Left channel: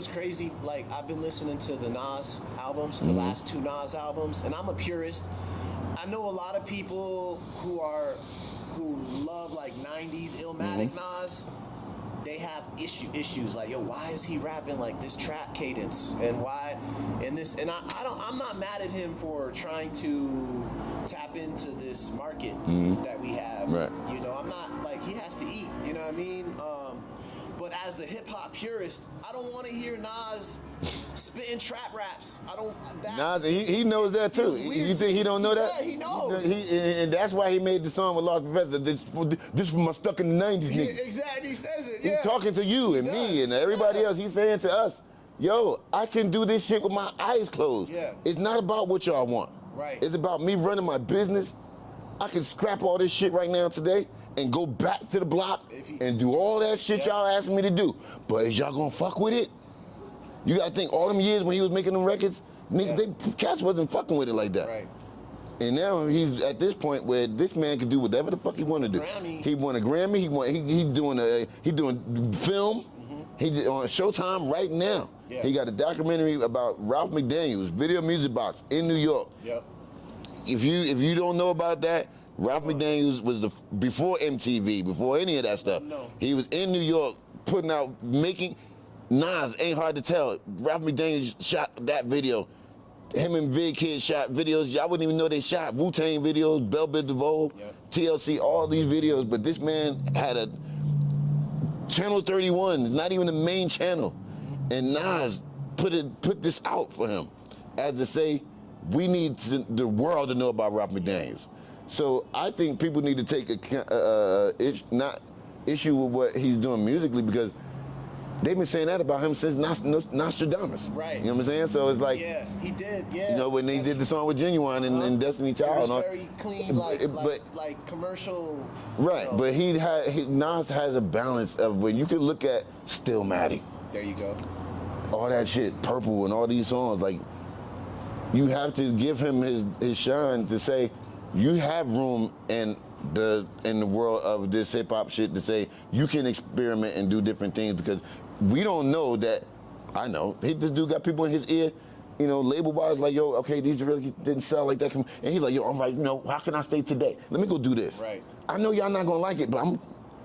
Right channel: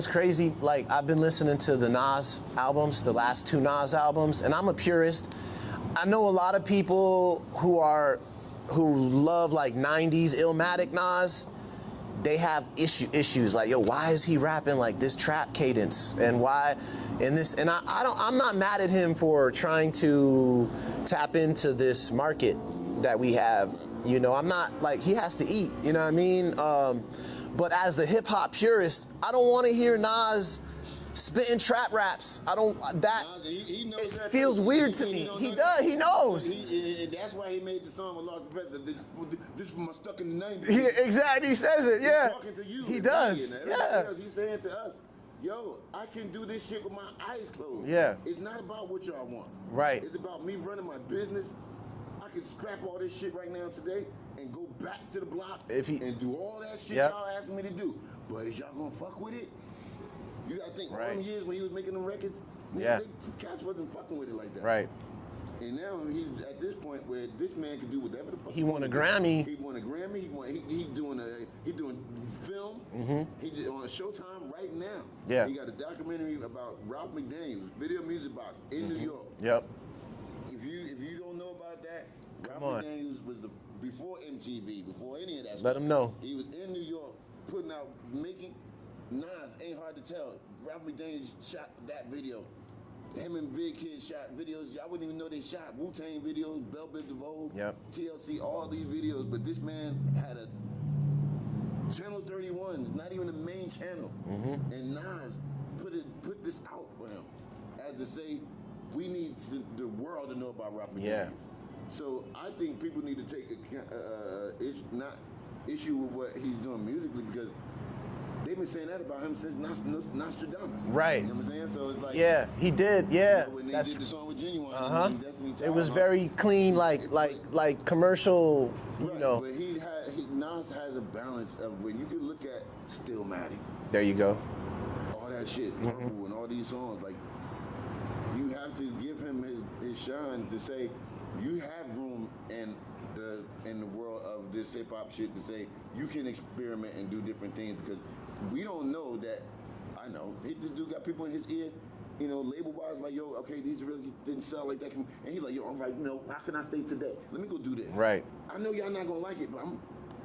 what's crazy? Like, I've been listening to the Nas albums, the last 2 Nas albums, and I'm a purist. I know a lot of people who love like 90s Illmatic Nas. They have issues like, yo, why is he rapping like this trap cadence, and why in this? And I'm not mad at him for trying to tap into this market that we have. Right. You know, I'm not like, he has to eat. You know what I mean? But as the hip hop purist, I don't want to hear Nas spitting trap raps. I don't. That Nas, he knows that too. Feels weird. You think he don't know that? He knows. And that's why he made the song with Lost Professor. This was my stuck in the 90s. Exactly. He says it. Yeah. He's talking to you and me and everybody else. He's saying to us, yo, I can do this shit with my eyes closed. Yeah. It's not about what y'all want. Right. It's about me running my business. I can scrap all this shit right now today and go back to the block and do all that shit y'all asking me to do. But is y'all gonna fuck with it? You gotta think, all them years when he was making them records, cats wasn't fucking with it like that. Right. And now he's at this point where this man can do whatever the fuck he want to do. Grammy. He won a Grammy. He doing film. He's on Showtime right now. Yeah. He got a documentary about Ralph McDaniels, Video Music Box in New York. Yep. If you don't know about that, Ralph McDaniels was before MTV, before any of that stuff. Let him know. He was in New York putting out, making Nas, ain't hard to tell. Ralph McDaniels shot that video. Him and Big Kid shot videos. I wouldn't even know they shot Wu-Tang videos, Bell Biv DeVoe, TLC, all these videos. But this man had a Channel 31, not even the main channel. And Nas put this out for him as to say, we need the world to know about Ralph McDaniels. So I think people need to take issue with what he's doing musically, because they've been saying that about him since Nostradamus. Right. You know what I'm saying? So it's like... Yeah, he did, yeah. You know, when they did the song with Genuine and Destiny Child. It was very clean, like commercial... Right, you know. but Nas has a balance of when you can look at Stillmatic. There you go. All that shit, Purple and all these songs, like, you have to give him his shine to say, you have room in the world of this hip hop shit to say you can experiment and do different things, because we don't know that. I know this dude got people in his ear, you know, label wise, like, yo, okay, these really didn't sell like that, and he's like, yo, I'm like, you know, how can I stay today? Let me go do this. Right. I know y'all not gonna like it, but I'm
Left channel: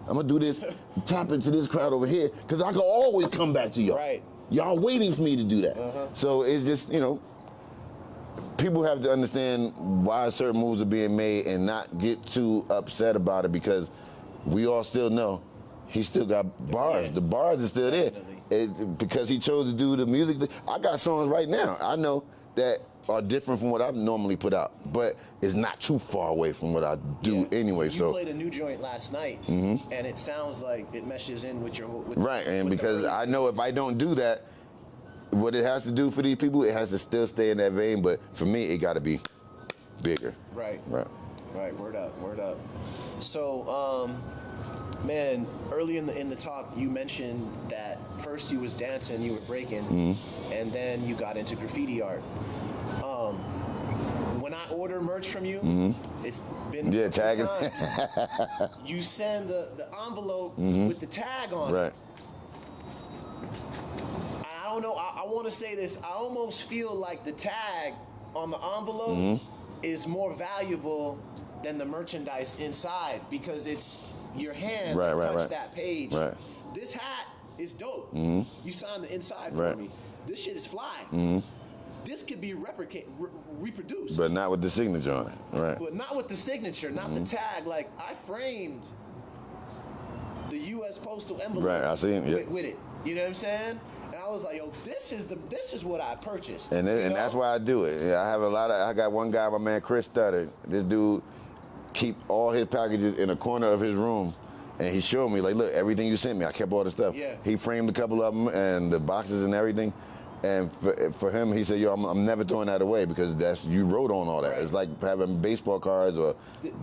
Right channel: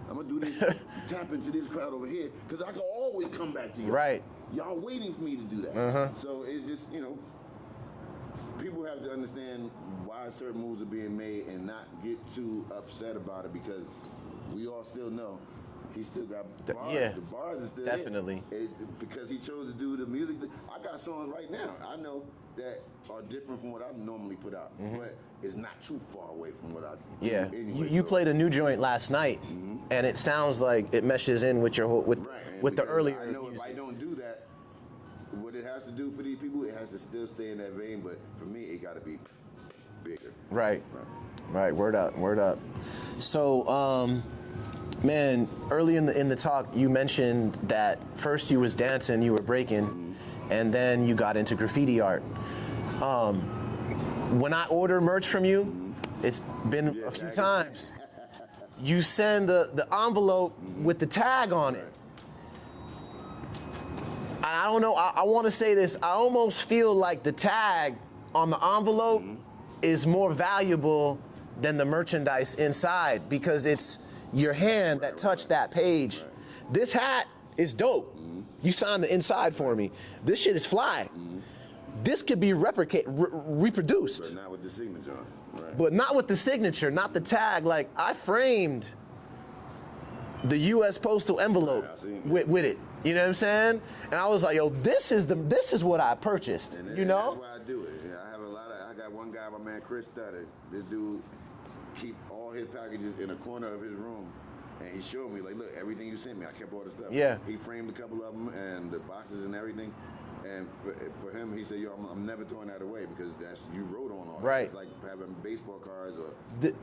gonna do this, tap into this crowd over here, because I can always come back to y'all. Right. Y'all waiting for me to do that. So it's just, you know, people have to understand why certain moves are being made and not get too upset about it, because we all still know he still got bars. Yeah, the bars are still definitely there. Because he chose to do the music. I got songs right now I know that are different from what I normally put out, but it's not too far away from what I do anyway. You played a new joint last night, and it sounds like it meshes in with your whole... Right, and because I know if I don't do that, what it has to do for these people, it has to still stay in that vein, but for me, it gotta be bigger. Right. Right. Right, word up, word up. So, man, early in the talk, you mentioned that first you was dancing, you were breaking, and then you got into graffiti art. When I order merch from you, it's been a few times. You send the envelope with the tag on it. I don't know, I want to say this, I almost feel like the tag on the envelope is more valuable than the merchandise inside, because it's your hand that touched that page. This hat is dope. You signed the inside for me. This shit is fly. This could be reproduced. But not with the signature on it, right. But not with the signature, not the tag. Like, I framed the U.S. postal envelope with it. You know what I'm saying? And I was like, yo, this is what I purchased. And that's why I do it. Yeah, I got one guy, my man Chris Stutter. This dude keep all his packages in a corner of his room. And he showed me, like, look, everything you sent me, I kept all the stuff. Yeah. He framed a couple of them and the boxes and everything. And for him, he said, yo, I'm never throwing that away, because you wrote on all that. Right. It's like having baseball cards or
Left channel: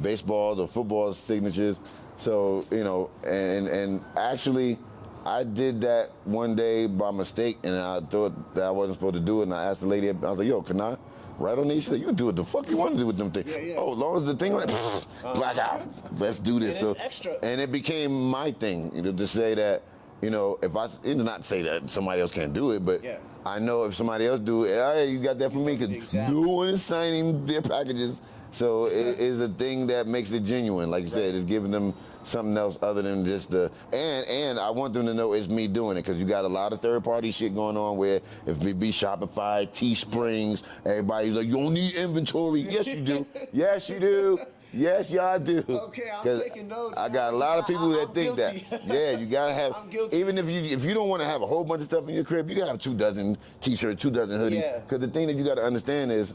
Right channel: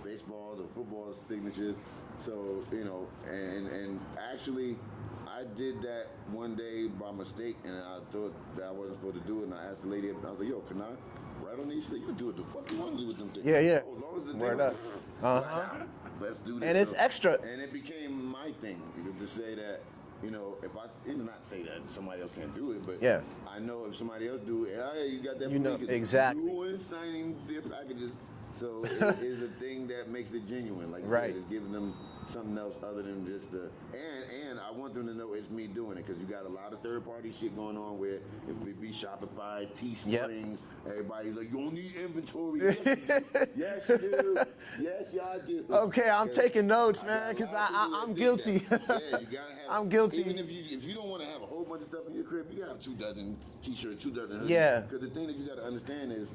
baseballs or football signatures. So, you know, and actually, I did that one day by mistake, and I thought that I wasn't supposed to do it, and I asked the lady, I was like, yo, can I write on these? She said, you do what the fuck you want to do with them things. Yeah. Oh, as long as the thing black out, let's do this. And it's extra. And it became my thing, you know, to say that You know, if I, it's not to say that somebody else can't do it, but Yeah. I know if somebody else do it, hey, you got that for me, because exactly. no one is signing their packages. So it is a thing that makes it genuine. Like you said, it's giving them something else other than just the, and I want them to know it's me doing it, because you got a lot of third-party shit going on where if it be Shopify, Teesprings, everybody's like, you don't need inventory. Yes, you do. Yes, you do. Yes, y'all do. Okay, I'm taking notes. I man, got a lot of people that I'm think guilty. that. Yeah, you gotta have. I'm guilty. Even if you don't want to have a whole bunch of stuff in your crib, you gotta have 2 dozen t-shirts, 2 dozen hoodies. Yeah. Because the thing that you gotta understand is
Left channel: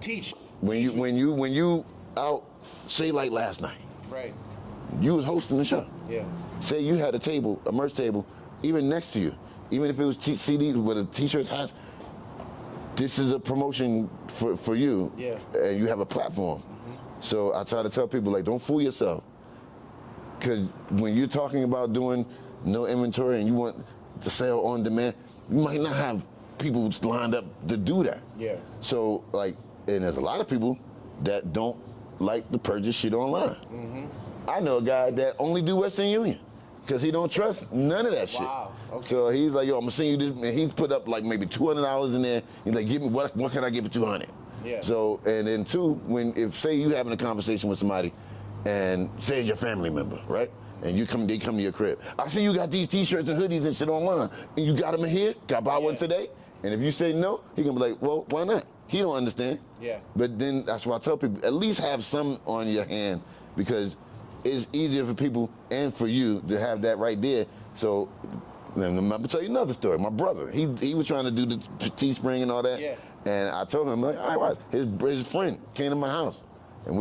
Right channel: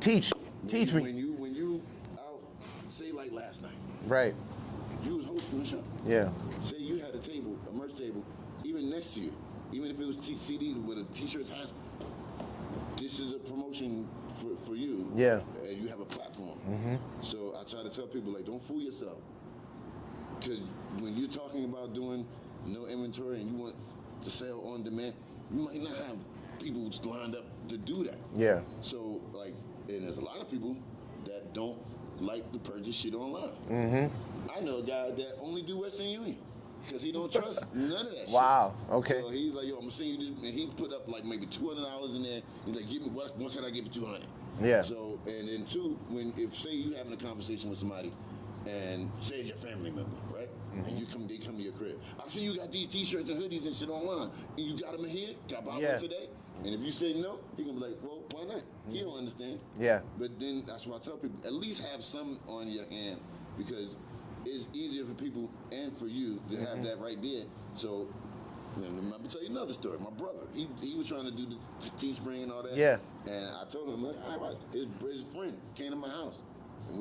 Teach when you out, say like last night, right. you was hosting the show. Yeah. Say you had a table, a merch table, even next to you, even if it was CDs with a t-shirt, hats. This is a promotion for you. Yeah. And you have a platform. So I try to tell people, like, don't fool yourself. Because when you're talking about doing no inventory and you want to sell on demand, you might not have people lined up to do that. Yeah. So, like, and there's a lot of people that don't like to purchase shit online. I know a guy that only do Western Union because he don't trust none of that shit. Wow, okay. So he's like, yo, I'm gonna send you this, and he put up like maybe $200 in there. He's like, give me, what can I get for 200? Yeah. So, and then 2, if say you having a conversation with somebody, and say it's your family member, right? And they come to your crib. I see you got these t-shirts and hoodies and shit online, and you got them in here? Can I buy one today? And if you say no, he gonna be like, well, why not? He don't understand. Yeah. But then that's why I tell people, at least have some on your hand, because it's easier for people and for you to have that right there. So, I'm gonna tell you another story. My brother, he was trying to do the Teespring and all that. Yeah. And I told him, like, all right, his friend came to my house, and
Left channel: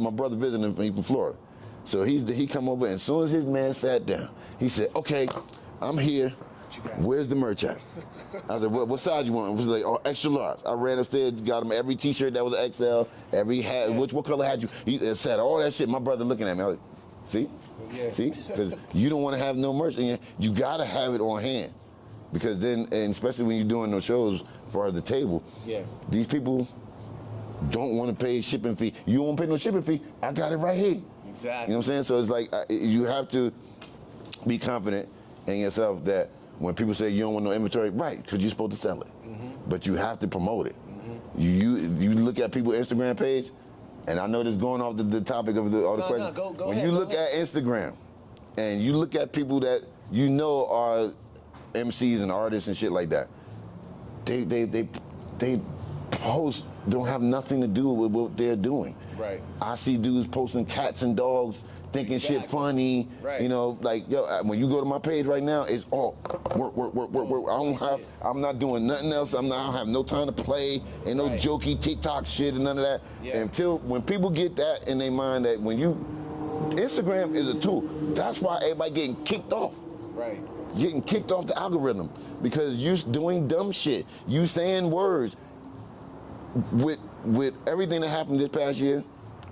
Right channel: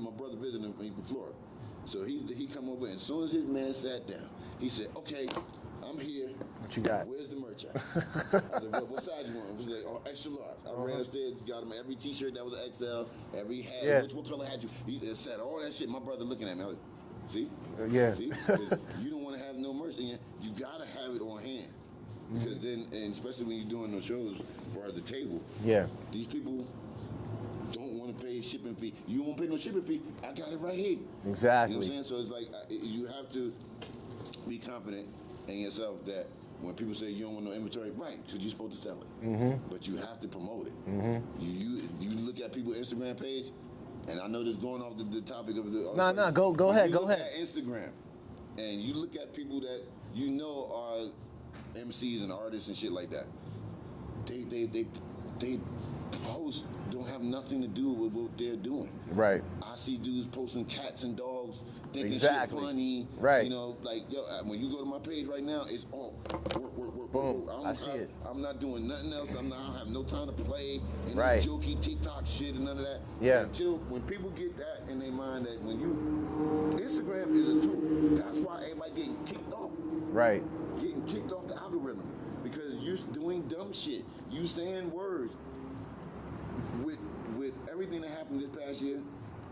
my brother visited him from Florida. So he come over, and as soon as his man sat down, he said, okay, I'm here. What you got? Where's the merch at? I said, what size you want? It was like, oh, extra large. I ran upstairs, got him every t-shirt that was XL, every hat, what color had you? He said all that shit. My brother looking at me, I was like, see? Yeah. See? Because you don't want to have no merch in here. You got to have it on hand. Because then, and especially when you're doing those shows for the table, these people don't want to pay shipping fee. You don't want to pay no shipping fee. I got it right here. Exactly. You know what I'm saying? So it's like, you have to be confident in yourself that when people say you don't want no inventory, right, because you're supposed to sell it. But you have to promote it. You look at people's Instagram page, and I know this going off the topic of all the questions. No, go when ahead. You look at Instagram, and you look at people that you know are MCs and artists and shit like that. They post don't have nothing to do with what they're doing. Right. I see dudes posting cats and dogs, thinking shit funny. Right. You know, like, yo, when you go to my page right now, it's all work. I'm not doing nothing else. I don't have no time to play and no jokey TikTok shit and none of that. Yeah. Until when people get that in their mind that Instagram is a tool. That's why everybody getting kicked off. Right. Getting kicked off the algorithm because you're doing dumb shit. You saying words. With everything that happened this past year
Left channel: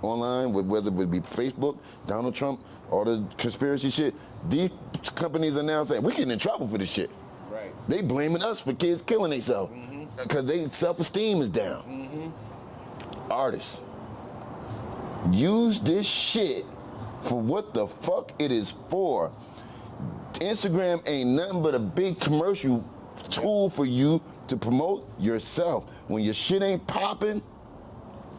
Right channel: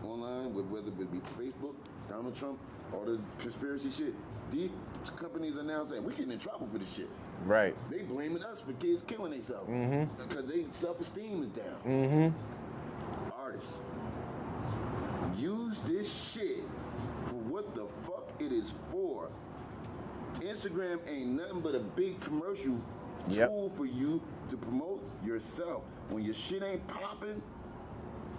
online, whether it would be Facebook, Donald Trump, all the conspiracy shit, these companies are now saying, we're getting in trouble for this shit. Right. They blaming us for kids killing themselves because their self-esteem is down. Artists, use this shit for what the fuck it is for. Instagram ain't nothing but a big commercial tool for you to promote yourself. When your shit ain't popping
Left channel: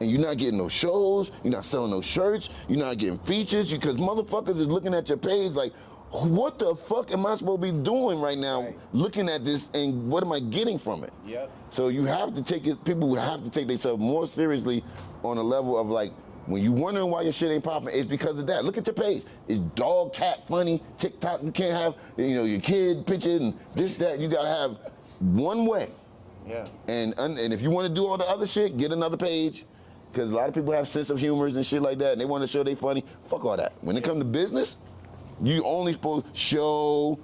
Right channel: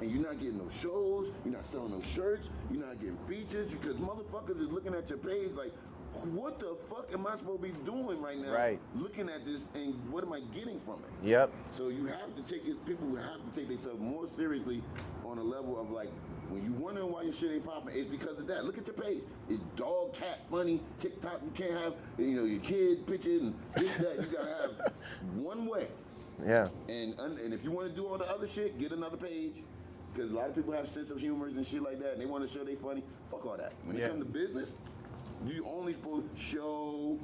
and you're not getting no shows, you're not selling no shirts, you're not getting features, because motherfuckers is looking at your page like, what the fuck am I supposed to be doing right now looking at this, and what am I getting from it? Yep. So you have to take it, people have to take themselves more seriously on a level of like, when you wondering why your shit ain't popping, it's because of that. Look at your page. It's dog, cat, funny, TikTok. You can't have, your kid picture and this, that. You gotta have one way. Yeah. And if you want to do all the other shit, get another page. Because a lot of people have sense of humors and shit like that, and they want to show they funny. Fuck all that. When it comes to business, you only supposed to show,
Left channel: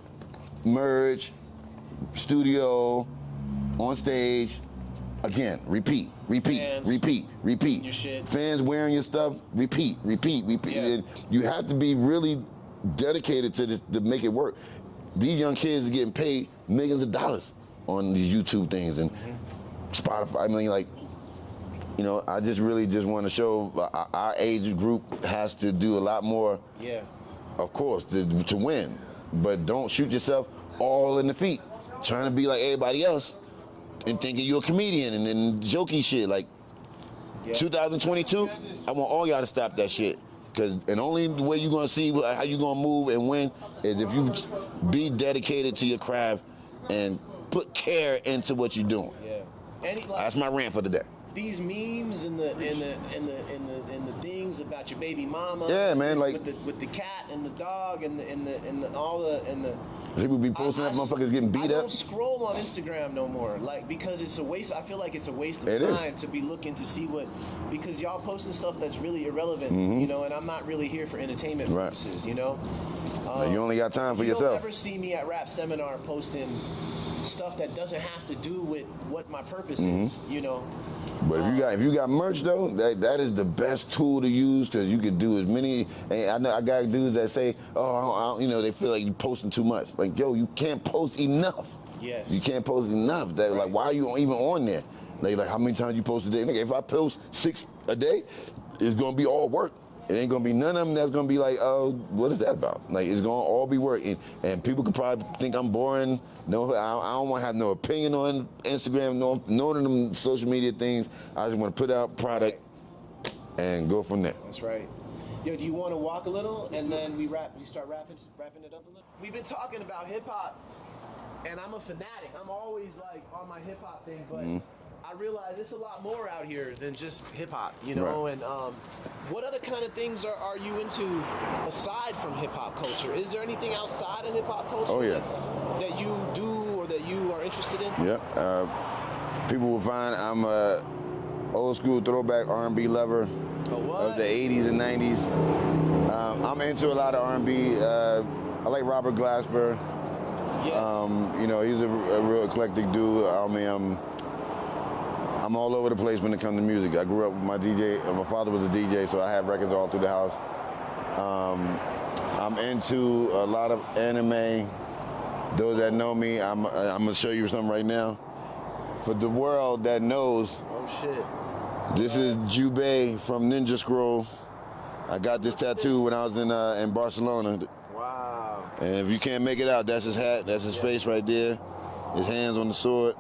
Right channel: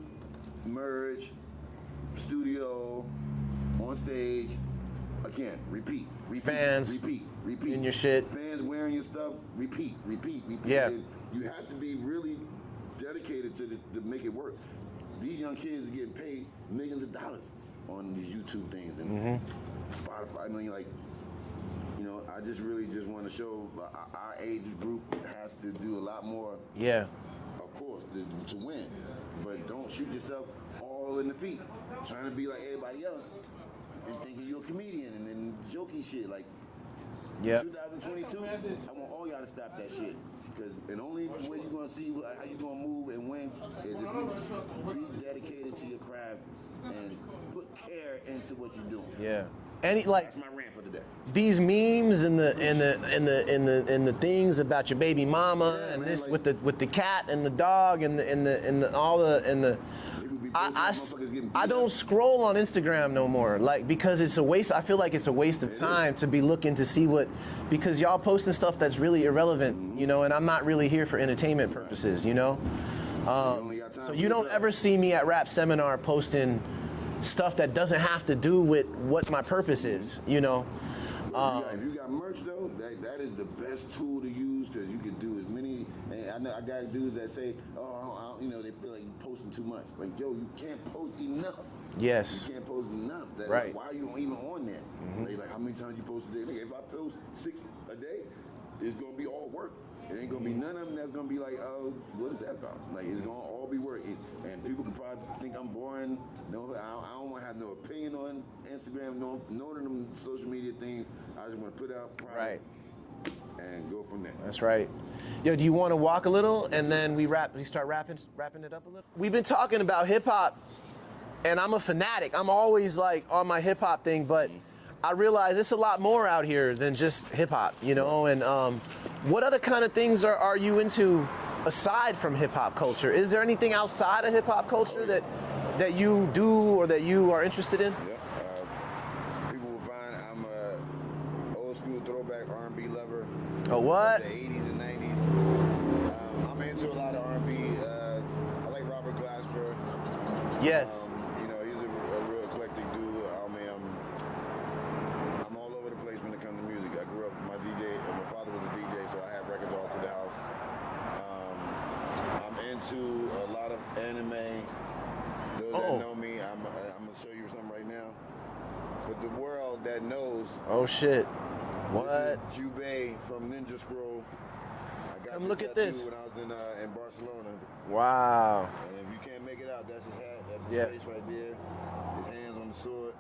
merch, studio, on stage. Again, repeat. Fans repeat. in your shit. Fans wearing your stuff. Repeat. Yeah. And you have to be really dedicated to this to make it work. These young kids are getting paid millions of dollars on these YouTube things and Spotify. I mean, like, I just really want to show our age group has to do a lot more. Yeah. Of course, to win. but don't shoot yourself all in the feet, trying to be like everybody else and thinking you're a comedian and then jokey shit. Like 2022, I want all y'all to stop that shit. And only way you're gonna see how you're gonna move and win is if you be dedicated to your craft and put care into what you're doing. Yeah. And like, that's my rant for the day. These memes and the things about your baby mama, yeah, man, this, like, with the cat and the dog and the people be posting motherfuckers getting beat up. I don't scroll on Instagram no more, like, because it's a waste. I feel like it's a waste of time to be looking to see because y'all posting stuff that's really irrelevant, you know, and I'm not really here for entertainment purposes, you know. You only got time for you yourself. You don't ever see me at Rap Seminar posting stuff that doesn't have to do with what my purpose is, you know. But if you got merch though, that is the best tool to use because you can do as many. And I know I got dudes that say, you know, they feel like you're posting too much. Like, yo, you can't post enough. Yes. You can't post enough. Like, why are you even on there? Like how many times you post a day? Nigga, if I post 6 a day, it's gonna be all work. It ain't gonna be none of them that's gonna be like, oh, what is that about? Like, it's gonna all be work. And people could probably think I'm boring. No, I don't want to have no opinion on Instagram, none of them social media things. I just want to put out product and go from there. That's right. Yo, do you want to walk a little and then we start wrapping it up a little? We've been talking about hip hop, and I'm a fanatic. I'm always like on my hip hop thing, but I realize it's a lot more out here than just hip hop, you know. And what other kind of things are you into aside from hip hop culture? Is there anything outside of hip hop culture that you do or that you are interested in? Yeah, people will find I'm a old school throwback R&B lover. Oh, what? Of the 80s and 90s. I'm into a lot of R&B. I like Robert Glasper. Yes. You know, he's a real eclectic dude. I mean, I'm all over the place when it comes to music. I grew up with my DJ. My father was a DJ, so I have records all through the house. I'm into a lot of anime. Those that know me, I'm gonna show you something right now. For the world that knows. Oh shit. This is Jubei from Ninja Scroll. I got this tattoo when I was in Barcelona. Wow. And if you can't make it out, that's his hat, that's his face right there. His hands on the sword.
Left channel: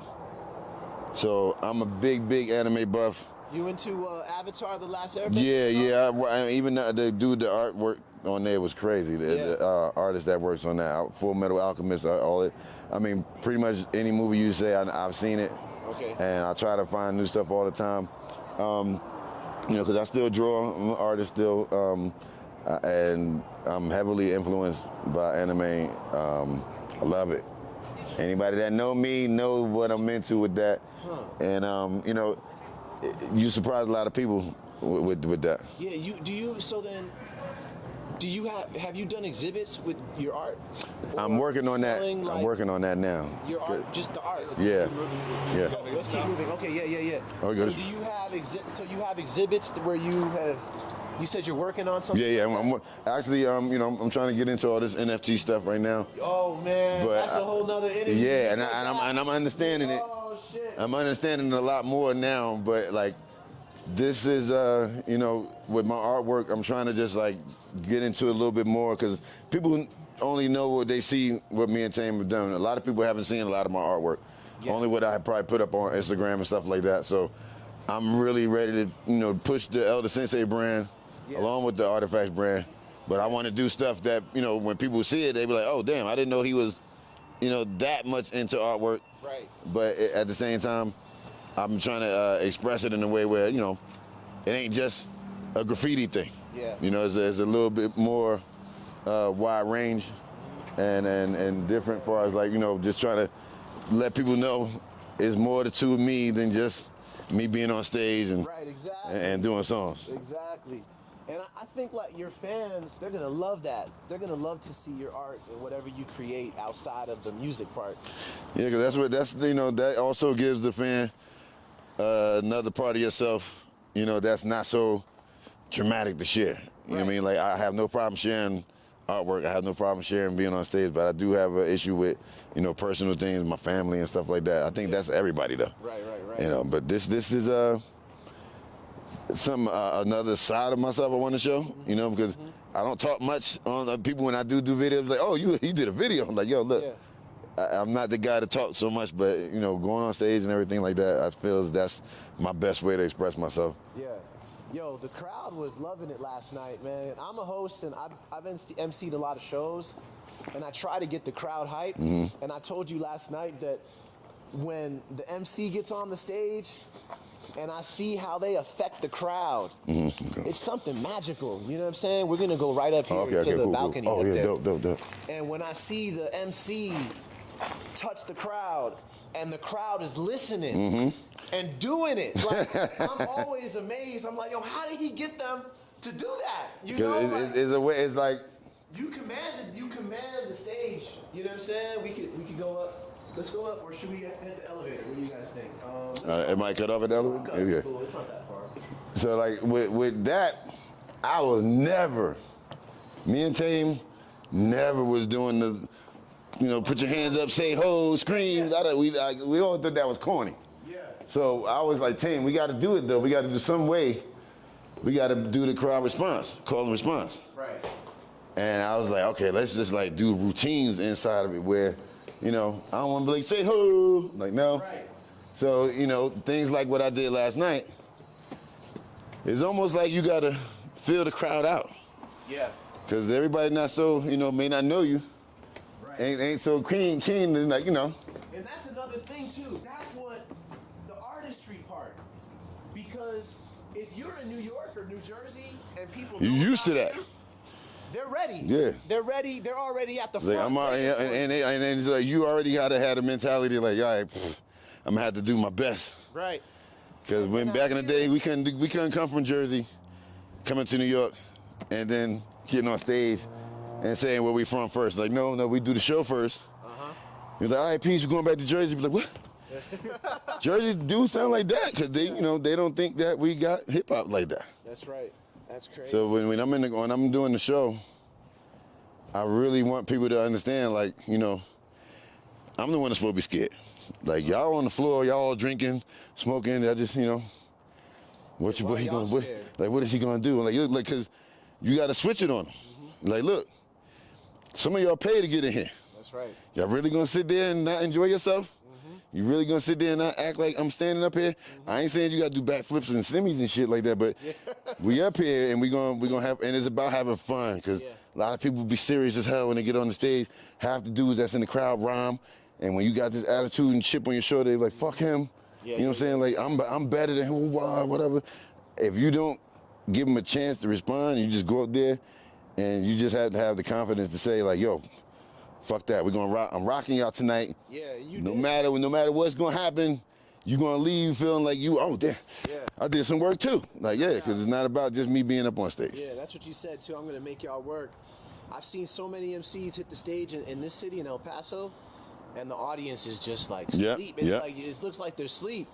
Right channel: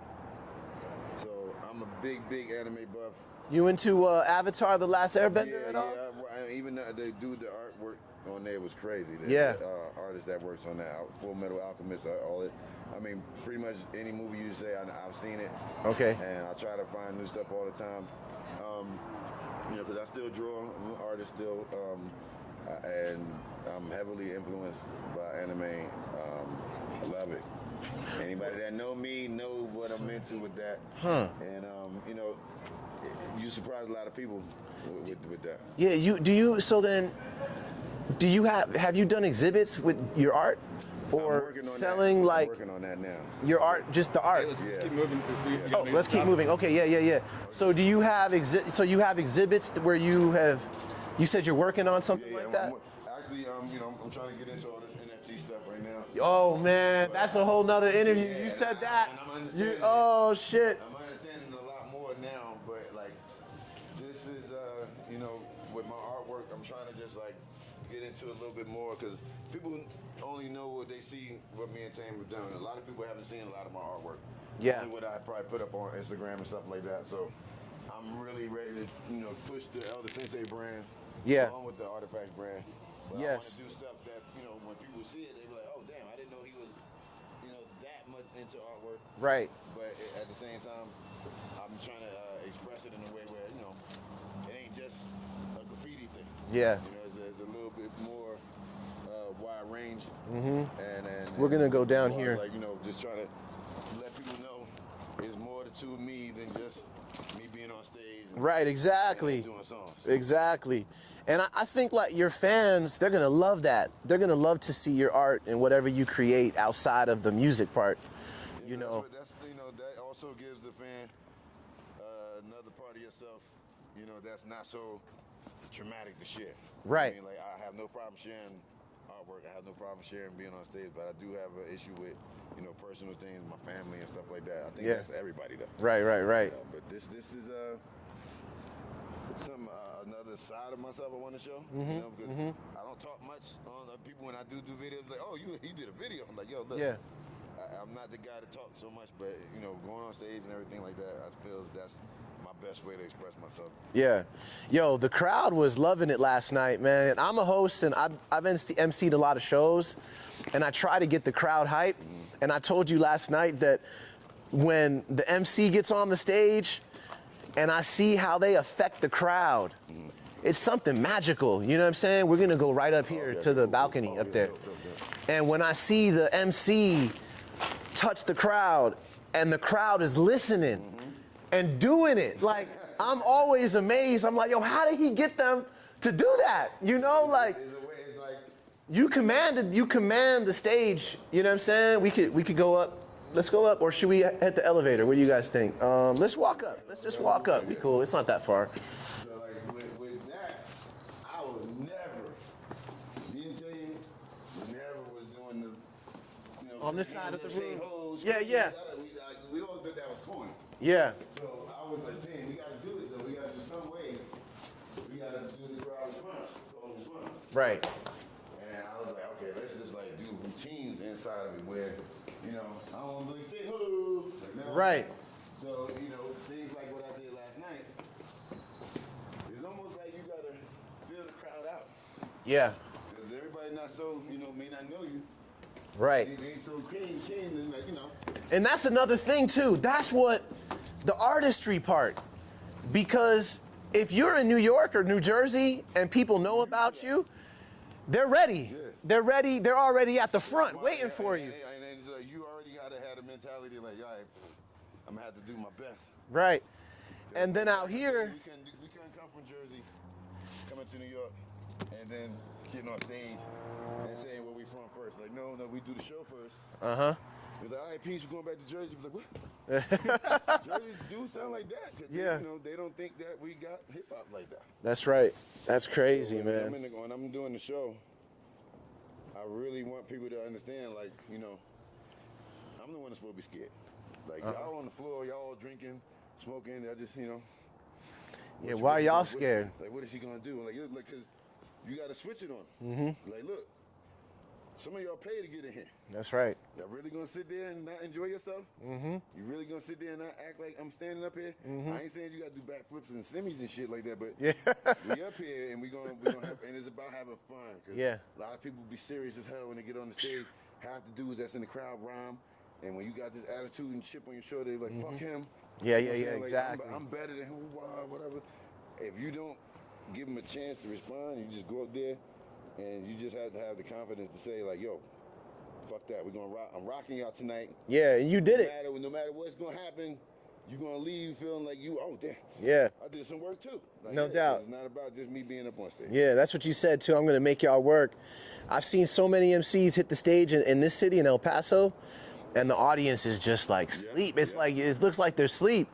So I'm a big anime buff. You into Avatar: The Last Airbender? Yeah. Even the dude, the artwork on there was crazy. The artist that works on that, Full Metal Alchemist, all it. I mean, pretty much any movie you say, I've seen it. Okay. And I try to find new stuff all the time. You know, because I still draw. I'm an artist still, and I'm heavily influenced by anime. I love it. Anybody that know me know what I'm into with that. And you know, you surprise a lot of people with that. Yeah. So then, do you have you done exhibits with your art? I'm working on that. I'm working on that now. Your art, just the art. Yeah. Oh, let's keep moving. Okay, yeah. Okay. So do you have exhibits where you have? You said you're working on something. Yeah. Like Actually, you know, I'm trying to get into all this NFT stuff right now. Oh man, that's a whole nother interview. Yeah, and I'm understanding it. Oh shit. I'm understanding a lot more now, but like, this is you know, with my artwork, I'm trying to just like get into it a little bit more because people only know what they see, what me and Tame have done. A lot of people haven't seen a lot of my artwork. Yeah. Only what I probably put up on Instagram and stuff like that. So I'm really ready to, you know, push the Elder Sensei brand along with the Artifacts brand. But I want to do stuff that, you know, when people see it, they be like, oh, damn, I didn't know he was, you know, that much into artwork. Right. But at the same time, I'm trying to express it in a way where, you know, it ain't just a graffiti thing. Yeah. You know, it's a little bit more wide range, and we're gonna different go down as here. like, you know, just try to let people know it's more to me than just me being on stage and and doing songs. Exactly. And I think like your fans, they're gonna love that. They're gonna love to see your art and whatever you create outside of the music part. Yeah, because that's you know, that also gives the fan another part of yourself, you know, that's not so dramatic to share. You know what I mean? Like, I have no problem sharing artwork. I have no problem sharing being on stage, but I do have an issue with, you know, personal things, my family and stuff like that. I think that's everybody though. Right. You know, but this is another side of myself I want to show, you know, because I don't talk much on people when I do videos. Like, oh, you did a video. I'm like, yo, look, I'm not the guy to talk so much, but you know, going on stage and everything like that, I feel that's my best way to express myself. Yeah. Yo, the crowd was loving it last night, man. I'm a host, and I've emceed a lot of shows, and I try to get the crowd hype. And I told you last night that when the MC gets on the stage and I see how they affect the crowd, it's something magical. You know what I'm saying? We're going to go right up here to the balcony up there. Dope. And when I see the MC touch the crowd and the crowd is listening and doing it, like, I'm always amazed. I'm like, yo, how did he get them to do that? You know, it's like you command the stage. You know what I'm saying? We could go up. Let's go up, or should we hit the elevator? What do you guys think? Let's walk up. Let's walk up. Okay. Cool. It's not that far. So like with that, I was never. Me and Tame never was doing the, you know, put your hands up, say ho, scream. Yeah. We all thought that was corny. Yeah. So I was like, Tame, we got to do it though. We got to do some way. We got to do the crowd response, call and response. Right. And I was like, okay, let's just like do routines inside of it where, you know, I don't want to be like, say ho, like no. Right. So, you know, things like what I did last night, it's almost like you got to feel the crowd out. Yeah. Because everybody not so, you know, may not know you. Right. Ain't so keen, like, you know. And that's another thing too. That's what the artistry part. Because if you're in New York or New Jersey and people know You're used about to that. you, they're ready. Yeah. They're ready. They're already at the front. Like, and it's like you already gotta have a mentality like, all right, I'm gonna have to do my best. Right. Because when back in the day we couldn't come from Jersey, coming to New York, and then getting on stage and saying where we from first. Like, no, we do the show first. You're like, all right, peace, we're going back to Jersey. Be like, what? Jersey do sound like that because they, you know, they don't think that we got hip hop like that. That's right. That's crazy. So when I'm doing the show, I really want people to understand, like, you know, I'm the one that's supposed to be scared. Like, y'all on the floor, y'all all drinking, smoking. I just, you know, why y'all scared? What is he gonna do? Like, cause you gotta switch it on him. Like, look, some of y'all pay to get in here. That's right. Y'all really gonna sit there and not enjoy yourself? You really gonna sit there and not act like I'm standing up here? I ain't saying you gotta do backflips and semis and shit like that, but we up here and we gonna have, and it's about having fun, because a lot of people be serious as hell when they get on the stage. Half the dudes that's in the crowd rhyme, and when you got this attitude and chip on your shoulder, they're like, fuck him. You know what I'm saying? Like, exactly. I'm better than who, whatever. If you don't give them a chance to respond, you just go up there and you just have to have the confidence to say, like, yo, fuck that. We're gonna rock. I'm rocking y'all tonight. Yeah, you did No matter what's gonna happen, you're gonna leave feeling like you, oh damn. Yeah. I did some work too. Like, No because doubt. it's not about just me being up on stage. Yeah, that's what you said too. I'm gonna make y'all work. I've seen so many MCs hit the stage in this city, in El Paso, and the audience is just like sleep. It's like, it looks like they're asleep.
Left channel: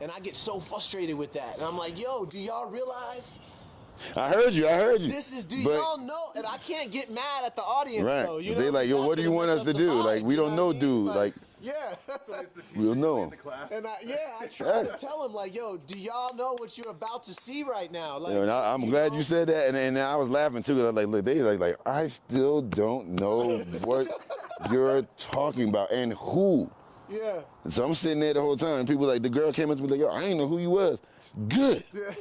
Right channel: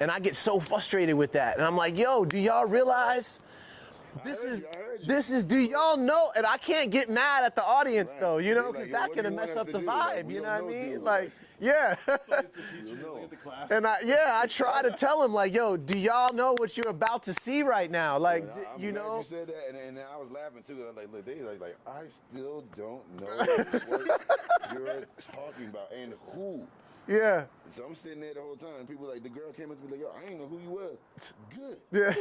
And I get so frustrated with that. And I'm like, yo, do y'all realize? I heard you. This is, y'all know? And I can't get mad at the audience though. You know, they like, yo, what do you want us to do? Like, we don't know, dude. Like, yeah. we don't know him. And I try to tell him, like, yo, do y'all know what you're about to see right now? Like, I'm glad you said that, and I was laughing too. Cause I was like, look, they like, I still don't know what you're talking about and who. Yeah. So I'm sitting there the whole time. People like, the girl came up to me like, yo, I ain't know who you was. Good. Yeah.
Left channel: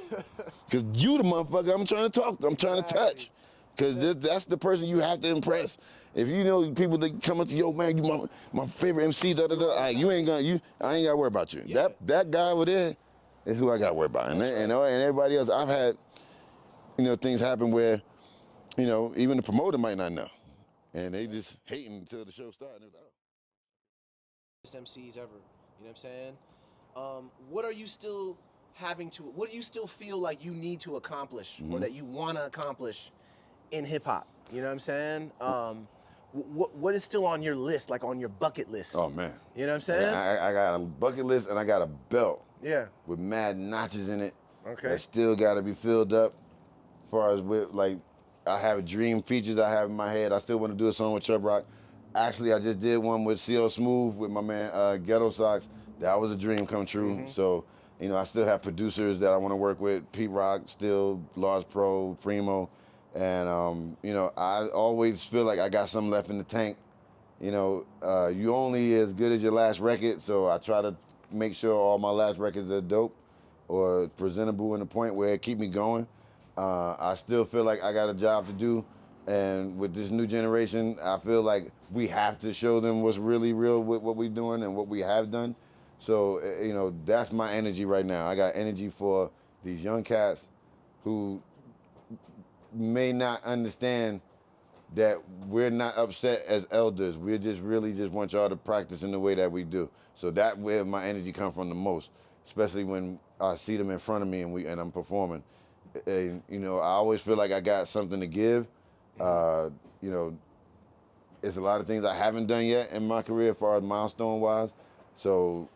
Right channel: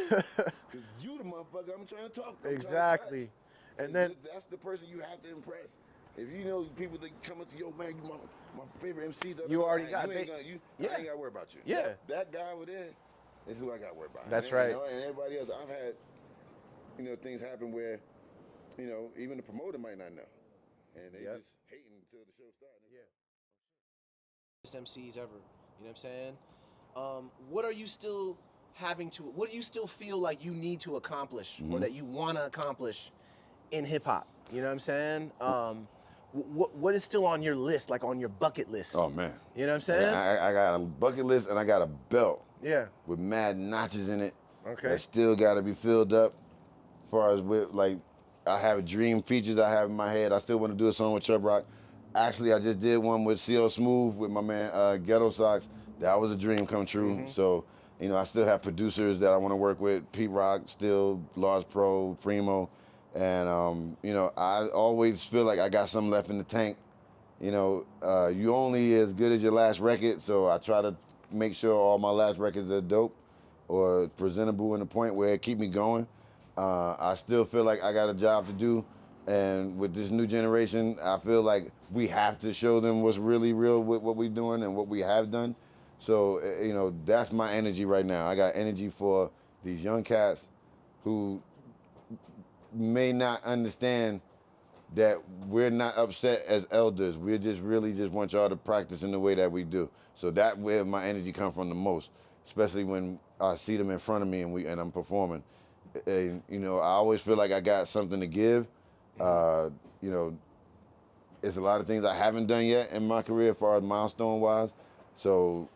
Because you the motherfucker I'm trying to talk to. I'm trying to touch. Because that's the person you have to impress. If you know people that come up to, yo, man, you my favorite MC, you ain't gonna, I ain't gotta worry about you. Yeah. That guy over there is who I gotta worry about. That's right. You know, and everybody else, I've had, you know, things happen where, you know, even the promoter might not know. And they just hating until the show starts. MCs ever, you know what I'm saying? What are you still what do you still feel like you need to accomplish or that you want to accomplish in hip hop? You know what I'm saying? What is still on your list, like on your bucket list? Oh man. You know what I'm saying? I got a bucket list and I got a belt. Yeah. With mad notches in it. Okay. That still got to be filled up. As far as with, like, I have dream features I have in my head. I still want to do a song with Chubb Rock. Actually, I just did one with CL Smooth with my man Ghetto Socks. That was a dream come true. So You know, I still have producers that I want to work with, Pete Rock, still, Lars Pro, Primo. And, you know, I always feel like I got something left in the tank. You know, you only as good as your last record, so I try to make sure all my last records are dope or presentable in the point where it keep me going. I still feel like I got a job to do, and with this new generation, I feel like we have to show them what's really real with what we're doing and what we have done. So, you know, that's my energy right now. I got energy for these young cats who may not understand that we're not upset as elders. We just really just want y'all to practice in the way that we do. So that where my energy comes from the most, especially when I see them in front of me and I'm performing. And, you know, I always feel like I got something to give. You know, it's a lot of things I haven't done yet in my career as far as milestone-wise. So,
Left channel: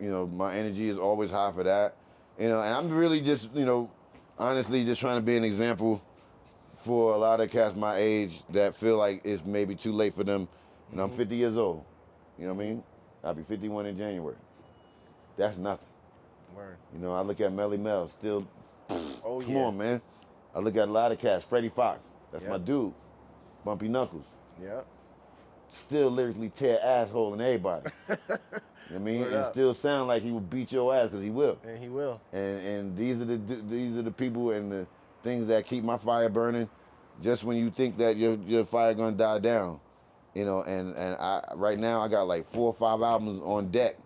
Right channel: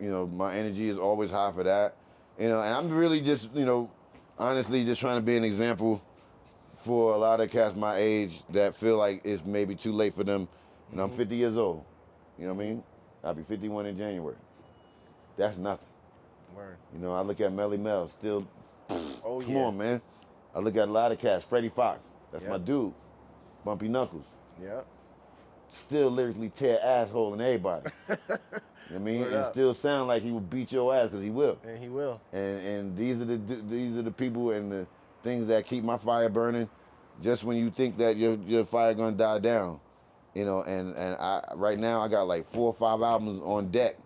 you know, my energy is always high for that. You know, and I'm really just, you know, honestly just trying to be an example for a lot of cats my age that feel like it's maybe too late for them. And I'm 50 years old. You know what I mean? I'll be 51 in January. That's nothing. Word. You know, I look at Melly Mel, still, Oh, come yeah. on, man. I look at a lot of cats. Freddie Fox, that's Yep. my dude. Bumpy Knuckles, Yep. still lyrically tear asshole in everybody. You know what I mean? Word And up. still sound like he will beat your ass, because he will. And he will. And these are the people and the things that keep my fire burning. Just when you think that your fire gonna die down, you know. And I right now I got like 4 or 5 albums on deck,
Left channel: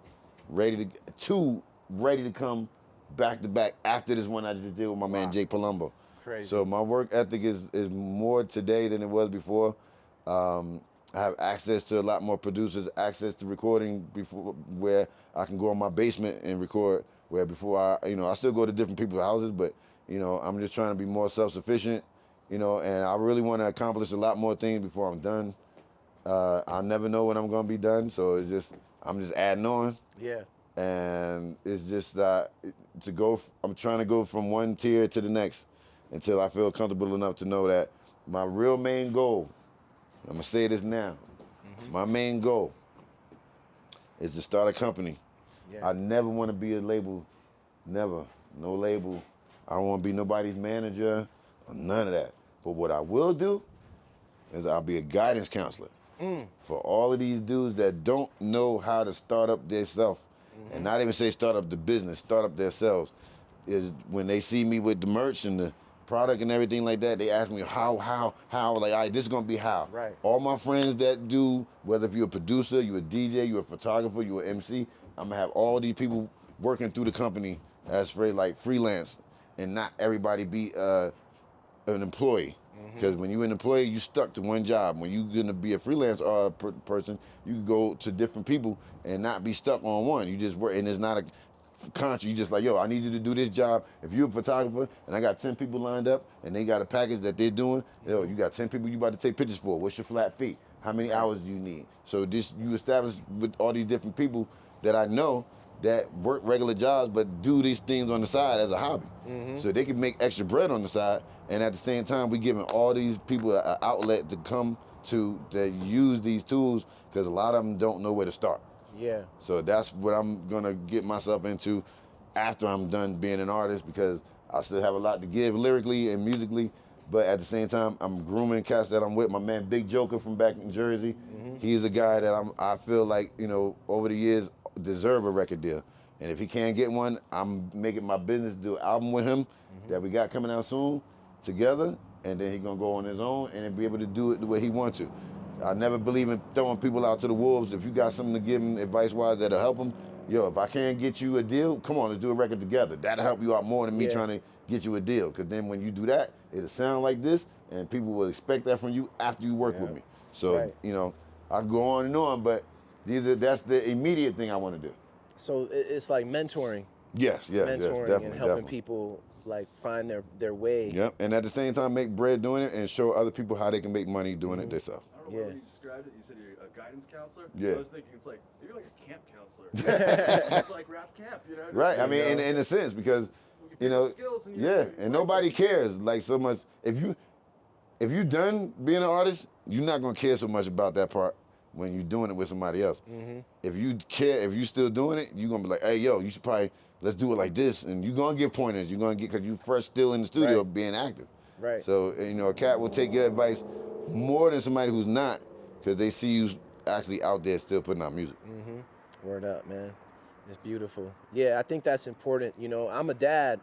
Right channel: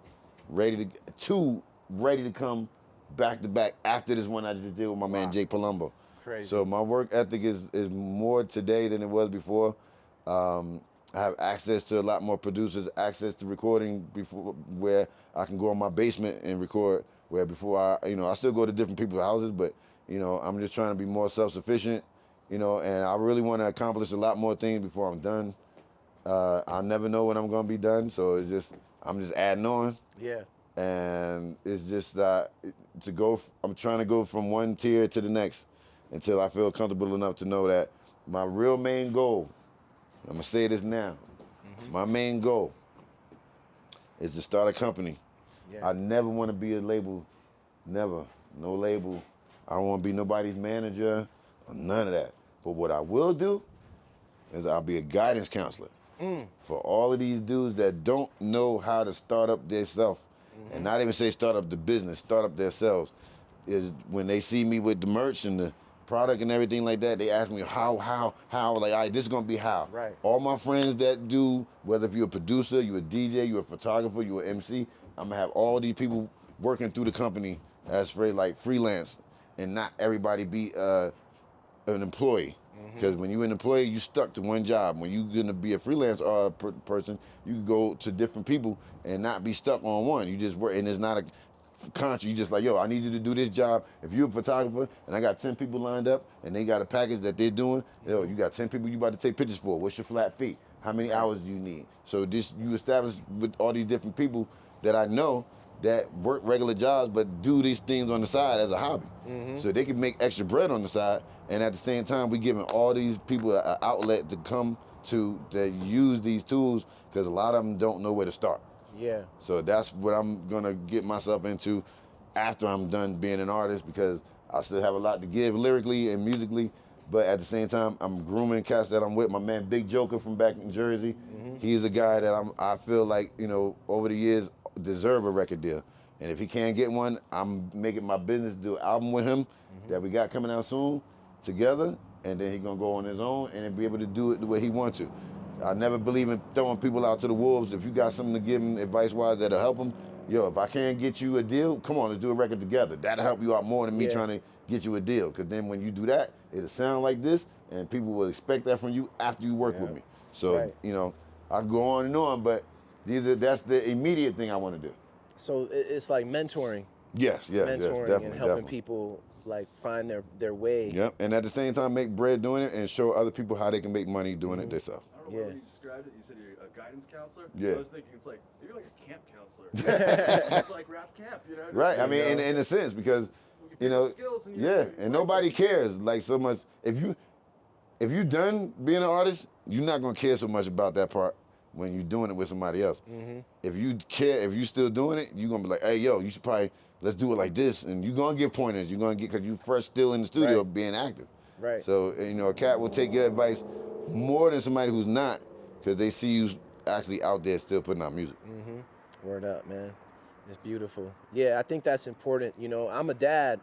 ready to come back to back after this one I just did with my man Jake Palumbo. Crazy. So my work ethic is more today than it was before. I have access to a lot more producers, access to recording before where I can go in my basement and record. Where before I still go to different people's houses, but you know, I'm just trying to be more self-sufficient. You know, and I really want to accomplish a lot more things before I'm done. I never know when I'm gonna be done, so I'm just adding on. Yeah. And it's just I'm trying to go from one tier to the next until I feel comfortable enough to know that my real main goal, I'm gonna say this now, my main goal is to start a company. Yeah. I never want to be a label, never, no label. I don't want to be nobody's manager, or none of that. But what I will do is I'll be a guidance counselor for all of these dudes that don't know how to start up themselves, and not even say start up the business, start up themselves. Is when they see me with the merch and the product and everything like that, they ask me how, like, all right, this is gonna be how. Right. All my friends that do, whether if you're a producer, you're a DJ, you're a photographer, you're an MC, I'm gonna have all these people working through the company as like freelance, and not everybody be an employee. Because when you're an employee, you stuck to one job. When you're gonna be a freelance person, you can go to different people and not be stuck on one. You just work, and it's not a contract. You just like, yo, I need you to do this job. If you're a photographer and I got 10 people lined up and they got a package that they're doing, yo, you got 10 people you about to take pictures for. What's your flat fee? How many hours do you need? So you establish with all these different people that I know that work regular jobs but do these things on the side as a hobby. So they can make extra bread on the side, and at the same time we giving all these people an outlet to come to that use these tools, because a lot of them don't know where to start. Yeah. So that's what I'm gonna get myself into after I'm done being an artist, because I still have a lot to give lyrically and musically, but at the same time I'm grooming cats that I'm with. My man Big Joker from back in Jersey, he's a guy that I feel like, you know, over the years deserve a record deal. And if he can't get one, I'm making my business to do an album with him that we got coming out soon together, and then he's gonna go on his own and then be able to do it the way he wants to. I never believe in throwing people out to the wolves. If you got something to give him advice-wise that'll help him, yo, if I can't get you a deal, come on, let's do a record together. That'll help you out more than me trying to get you a deal. Because then when you do that, it'll sound like this, and people will expect that from you after you work with me. So, you know, I go on and on, but that's the immediate thing I want to do. So it's like mentoring. Yes, Mentoring definitely, and helping people like find their way. Yep, and at the same time make bread doing it and show other people how they can make money doing it themselves. I don't know what you described it. You said you're a guidance counselor. Yeah. I was thinking it's like maybe like a camp counselor. It's like rap camp, you know? Just, Right, I mean, in a sense, because, you know, skills and and nobody cares like so much. If you done being an artist, you're not gonna care so much about that part. when you're doing it with somebody else. Mm-hmm. If you care, if you still doing it, you're gonna be like, hey, yo, you should probably, let's do it like this. And you're gonna get pointers. You're gonna get, because you first still in the studio Right. being active. Right. So, you know, a cat will take your advice more than somebody who's not, because they see you actually out there still putting out music. Mm-hmm. Word up, man. It's beautiful. Yeah, I think that's important. You know, I'm a dad,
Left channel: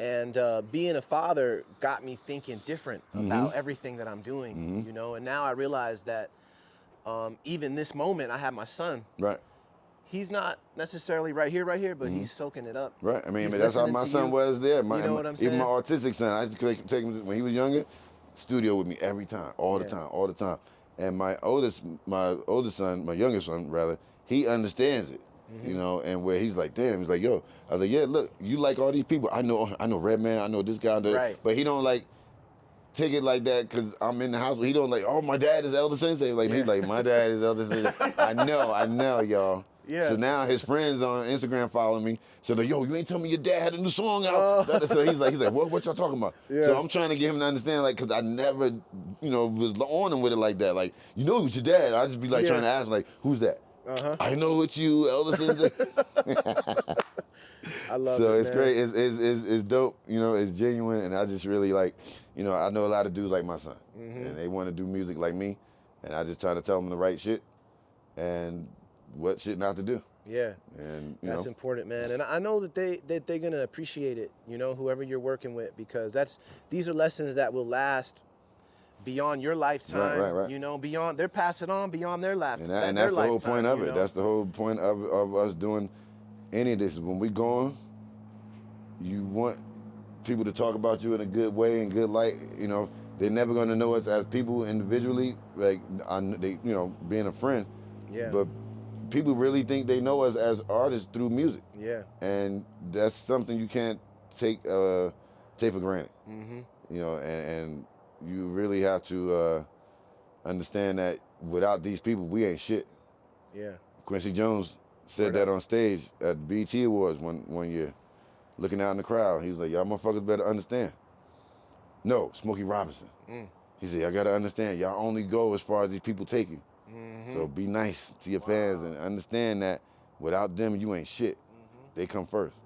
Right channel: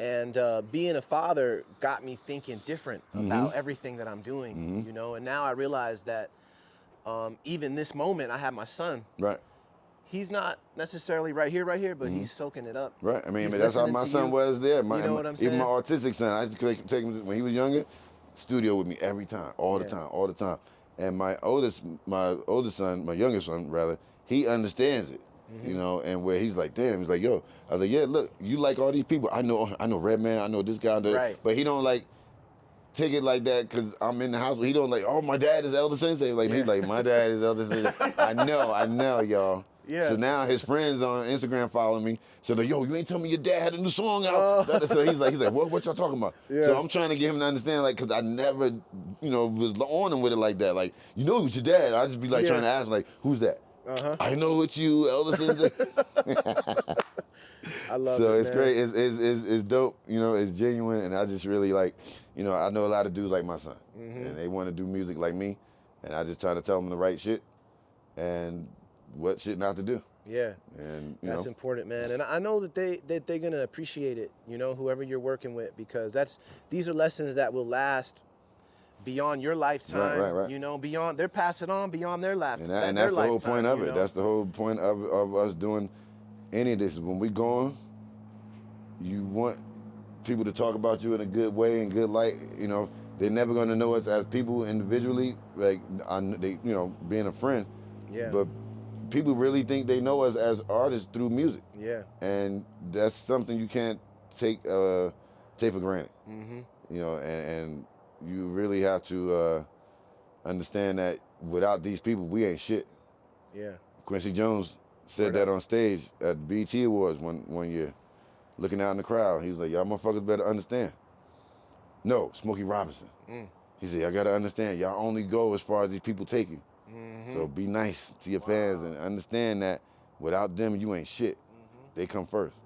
and being a father got me thinking different about everything that I'm doing, you know, and now I realize that even this moment, I have my son. Right. He's not necessarily right here, but he's soaking it up. Right. I mean, He's that's how listening my to son you. was there. You know what I'm saying? Even my autistic son, I used to take him when he was younger, studio with me every time, all the time. And my oldest son, my youngest son rather, he understands it. You know, and where he's like, damn, he's like, yo, I was like, yeah, look, you like all these people. I know Redman, I know this guy, Right. but he don't like take it like that because I'm in the house. But he don't like, oh, my dad is Elder Sensei. Like he's like, my dad is Elder Sensei. I know, y'all. Yeah. So now his friends on Instagram following me. So they're like, yo, you ain't telling me your dad had a new song out. So he's like, what y'all talking about? Yeah. So I'm trying to get him to understand, like, because I never, you know, was on him with it like that. Like, you know, it was your dad. I just be like trying to ask him, like, who's that? I know it's you, Elder Sensei. I love So it, it's man. great. It's dope. You know, it's genuine, and I just really like, you know, I know a lot of dudes like my son, and they want to do music like me, and I just try to tell them the right shit, and what shit not to do. Yeah. And That's important, man. And I know that they're gonna appreciate it, you know, whoever you're working with, because these are lessons that will last beyond your lifetime. Right. You know, beyond, they're passing on beyond their lifetime. And that's the whole point of it. That's the whole point of us doing any of this. When we gone, you want people to talk about you in a good way and good light. You know, they're never gonna know us as people individually, like they, you know, being a friend. Yeah. But people really think they know us as artists through music. Yeah. And that's something you can't take for granted. Mm-hmm. You know, and you really have to understand that without these people, we ain't shit. Yeah. Quincy Jones said that on stage at the BET Awards one year, looking out in the crowd. He was like, y'all motherfuckers better understand. No, Smokey Robinson. He said, y'all gotta understand, y'all only go as far as these people take you. So be nice to your fans and understand that without them, you ain't shit. They come first.